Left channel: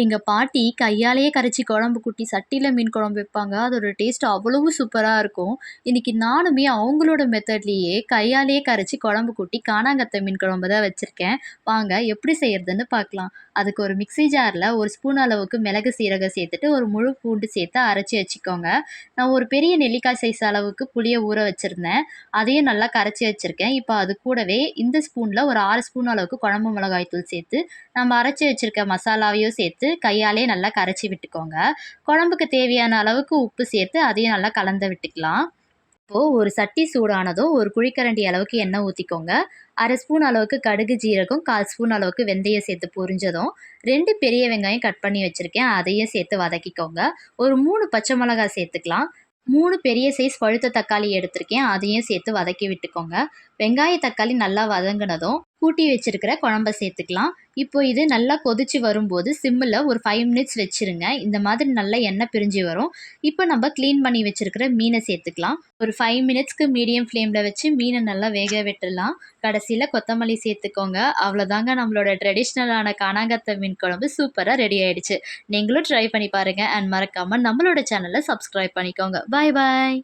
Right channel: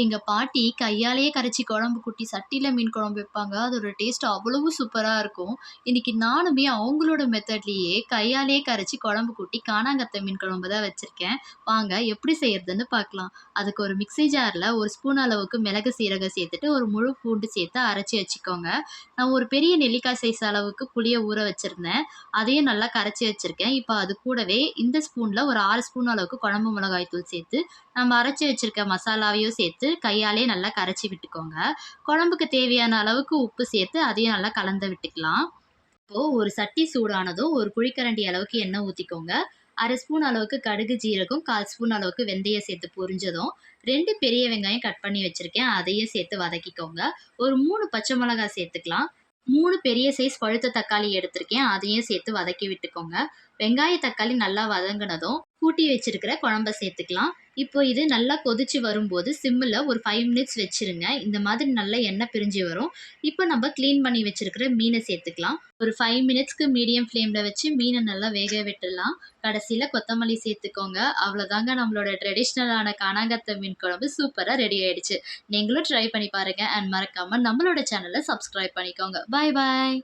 எங்க பாட்டி கையாலேயே கரைச்சி குழம்பு கூட்டி சட்டியில மீன் குழம்பு வைப்பாங்க. அதோட டேஸ்ட் அவ்வளவு சூப்பரா இருக்கும். இன்னைக்கு நானுமே அவங்களோட மெத்தட்லயே கையாலேயே கரைச்சி குழம்பு கூட்டி கானாங்கத்தை மீன் குழம்பு தான் வச்சிருக்கேன். வாங்க எப்படி செய்யறதுன்னு பார்க்கலாம். அதுக்கு ஒரு மிக்ஸி ஜார்ல 1 ஸ்பூன் அளவுக்கு மிளகு, சீரகம் சேர்த்துட்டு ஒரு முழு பூண்டு சேர்த்து அரைச்சு வச்சுக்கோங்க. நான் ஒரு பெரிய நெல்லிக்காய் சைஸ் அளவுக்கு புளிய ஊற வச்சிருந்தேன். அதையும் நல்லா கரைச்சு வச்சிருக்கேன். இப்போ அது கூடவே இந்த ஸ்பூன்ல ஒரு 6 ஸ்பூன் அளவுக்கு குழம்பு மிளகாய் தூள் சேர்த்து நம்ம அரைச்சு வச்சிருக்க மசாலாவையும் சேர்த்து கையாலே நல்லா கரைச்சி விட்டுக்கோங்க. குழம்புக்கு தேவையான அளவுக்கு உப்பு சேர்த்து அதையும் நல்லா கலந்து விட்டுக்கலாம். இப்போ ஒரு சட்டி சூடானதும் ஒரு குழிக்கரண்டி அளவுக்கு எண்ணெய் ஊற்றிக்கோங்க. 1/2 ஸ்பூன் அளவுக்கு கடுகு, ஜீரகம், 1/4 ஸ்பூன் அளவுக்கு வெந்தயம் சேர்த்து பொரிஞ்சதும் 2 பெரிய வெங்காயம் கட் பண்ணி வச்சிருக்கேன். அதையும் சேர்த்து வதக்கிக்கோங்க. ஒரு 3 பச்சை மிளகாய் சேர்த்துக்கலாம். 3 பெரிய சைஸ் பழுத்த தக்காளி எடுத்திருக்கேன். அதையும் சேர்த்து வதக்கி விட்டுக்கோங்க. வெங்காய, தக்காளி நல்லா வதங்கினதும் கூட்டி வச்சிருக்கிற குழம்ப சேர்த்துக்கலாம். இப்போ இது நல்லா கொதிச்சு வரும்போது சிம்மில் ஒரு 5 மினிட்ஸ் வச்சிருங்க. இந்த மாதிரி நல்லா எண்ணெய் பிரிஞ்சு வரும். இப்போ நம்ம க்ளீன் பண்ணி வச்சிருக்கிற மீனை சேர்த்துக்கலாம். ஒரு 5 மினிட்ஸ்க்கு மீடியம் ஃப்ளேமில் வச்சு மீனை நல்லா வேக விட்டுடலாம். கடைசியில் கொத்தமல்லி சேர்த்துக்கோங்க. அவ்வளோதாங்க, நம்மளோட ட்ரெடிஷ்னலான கானாங்கத்தை மீன் குழம்பு சூப்பராக ரெடி ஆயிடுச்சு. நீங்களும் ட்ரை பண்ணி பாருங்கள். அண்ட் மறக்காமல் நம்மளோட சேனலை சப்ஸ்கிரைப் பண்ணிக்கோங்க. பாய் பாய்.